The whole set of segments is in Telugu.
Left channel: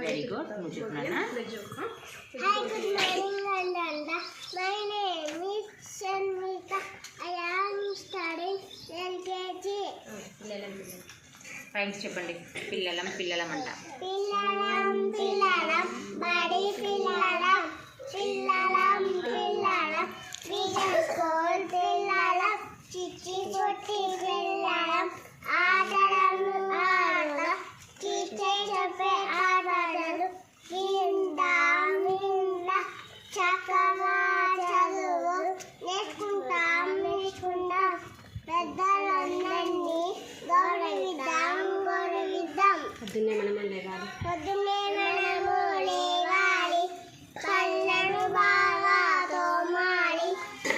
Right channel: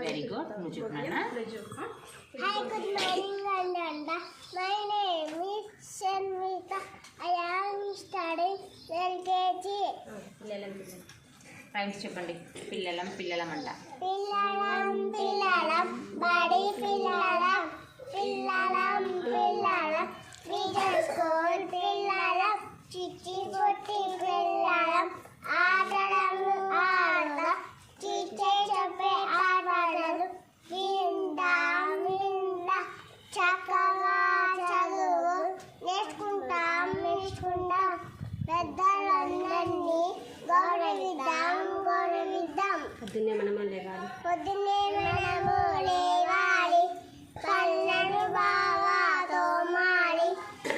Very good. నువ్వు చెప్పినా. Hi, good morning, Ananda. My name is Shanmita. I am studying LKG. Rhymes చెప్పండి. పిల్లలం పిల్లలం అంట. పిల్లలం పిల్లలం బడి పిల్లలం పిల్లలం పిల్లలం విజన్ స్కూల్ పిల్లలం చిచ్చి కొట్టి పిల్లలం ఆటలు ఆడడం టీచర్ చెప్పే ఆటలు విందాం విందా చక్కగా చదువు నేర్చుకుంటాం పెద్దలందరినీ గౌరవిద్దాం పొద్దున్నే మనము లేవాలి కళ్ళను బాగా తోమాలి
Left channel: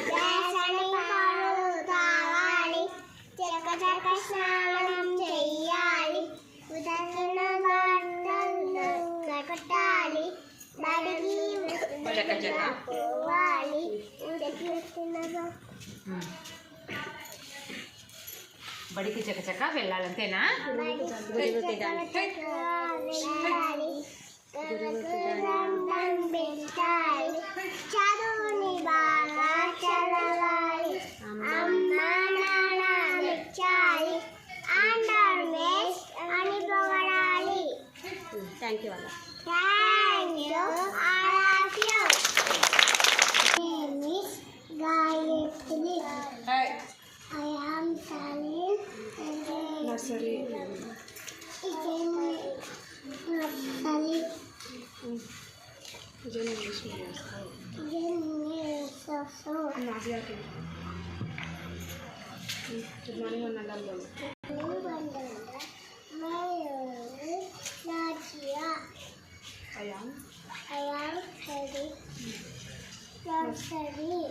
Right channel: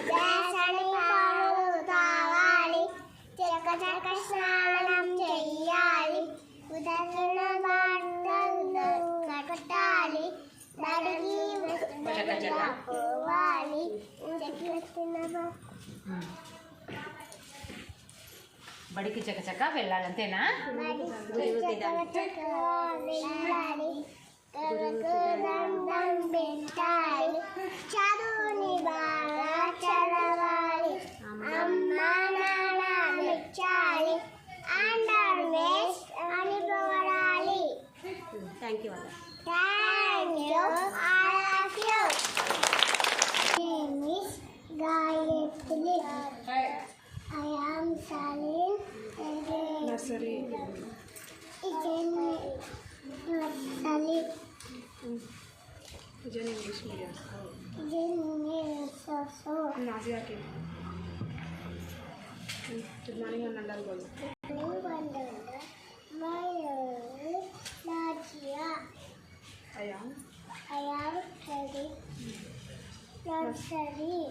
వేసని పాలు తాగాలి చక్క స్నానం చెయ్యాలి ఉదయం బట్టలు కట్టాలి బడికి పోవాలి బడికి చకచక వెళ్ళాలంతేనా? చదువుని బాగా చదవాలి అమ్మ నాన్న మెచ్చాలి అండర్ వేస్ అని పొగడాలి. Thank you. Thank you, all of you. My name is Gayatri. I am studying nursery. nursery. English medium. Good morning అన్నండి. I am studying nursery.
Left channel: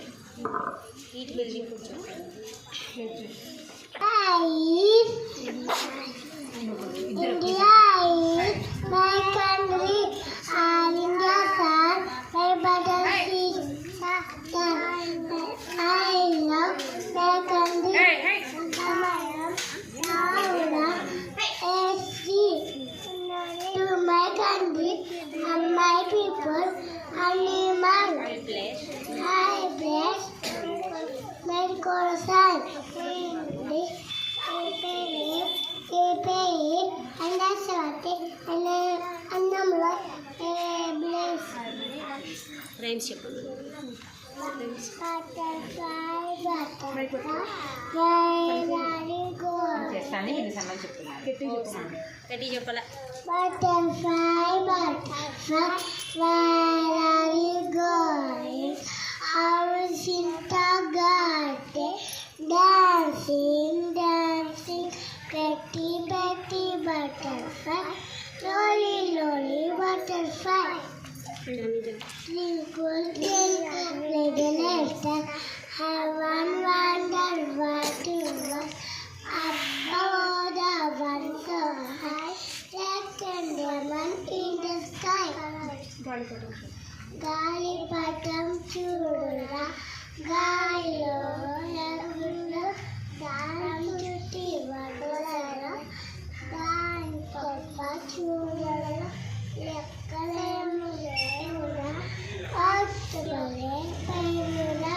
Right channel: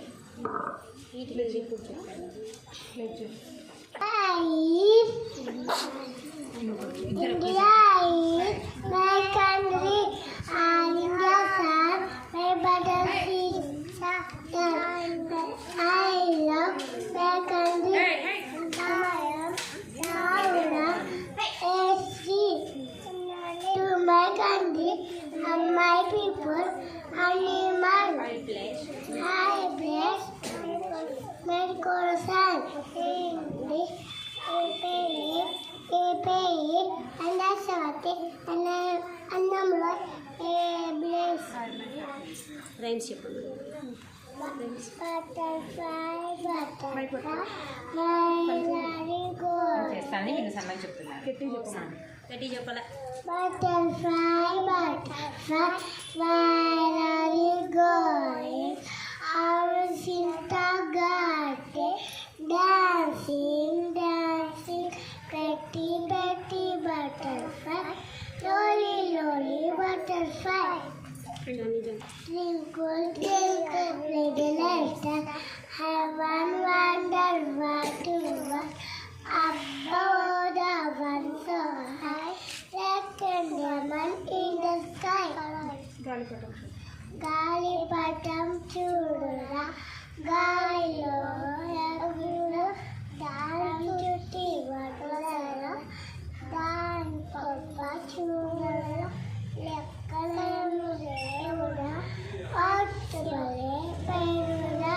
ఈట్ వెళ్ళి కొంచెం India is my country and India is my battlefield. I love my country. I am proud to my country and my people animal. I bless my corazon. Rhymes చెప్పండి. చేస్తాను. నేను సమ్మని చెప్తున్నాను. గట్టి చెప్పాలా? Butterfly, butterfly, where are you going? Our Sita garden, dancing, dancing, pretty, pretty butterfly, lolly, lolly butterfly. Twinkle, twinkle, little star, heaven wonder what to look above the one so high, like a diamond in the sky. గాలిపటం చూడురా గాలిలో ఎగురురా దాని చుట్టి వదలరా దాని గొప్ప చూడరా లెక్కలేము లేవురా పక్షులే పైరురా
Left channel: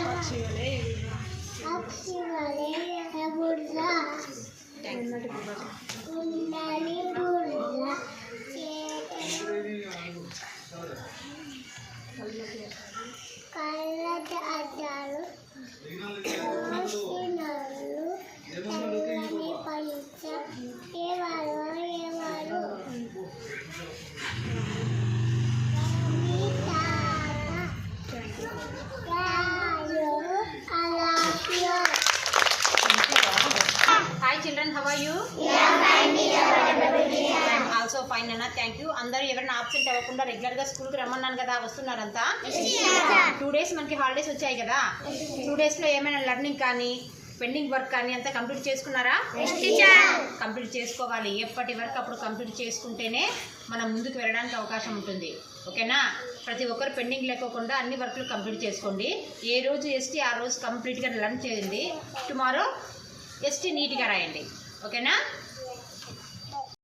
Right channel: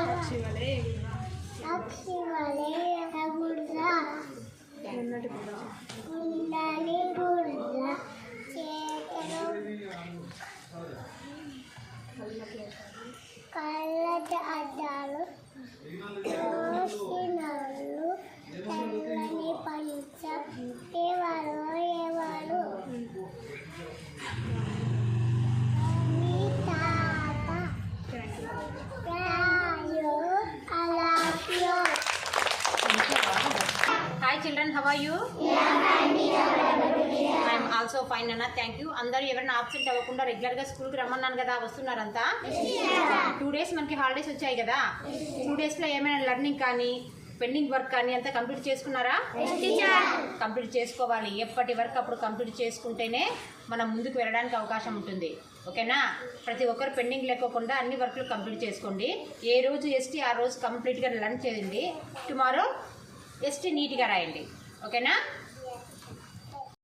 పక్షులే ఎగురురా ఉండాలి గుర్రా కళ్ళ అద్దాలు కోసినాలు తెల్లని పంచ ఎవరు ఎవరు మీ తాత రాయో అలాఫియో. Hi children, how are you? Also fine అన్న. Thank you. అందరూ ఎవరైనా ఆబ్సెంట్ అవ్వకుండా రెగ్యులర్గా స్కూల్కి రమ్మన్నాను కదా, వస్తున్నారంతా? 2 days మనకి హాలిడేస్ వచ్చాయి కదా. 2 daysలో ఏమైనా లెర్నింగ్ కానీ పెండింగ్ వర్క్ కానీ అంతా కంప్లీట్ చేసుకున్నారా? కంప్లీట్ చేసుకోవాలి. ఎప్పటి వర్క్ అప్పుడు కంప్లీట్ చేసుకుంటేనే మనం ముందుకు వెళ్ళడానికి అవకాశం ఉంటుంది. ఓకేనా? ప్రతి ఒక్కరు పెండింగ్ లేకోకుండా అన్ని వర్క్లు కంప్లీట్ చేసుకోండి. ఏ రోజు ఎస్టీ ఆ రోజు కంప్లీట్గా లర్న్ చేయండి. టుమారో ఎస్టీ నీట్గా రాయండి. ఓకేనా?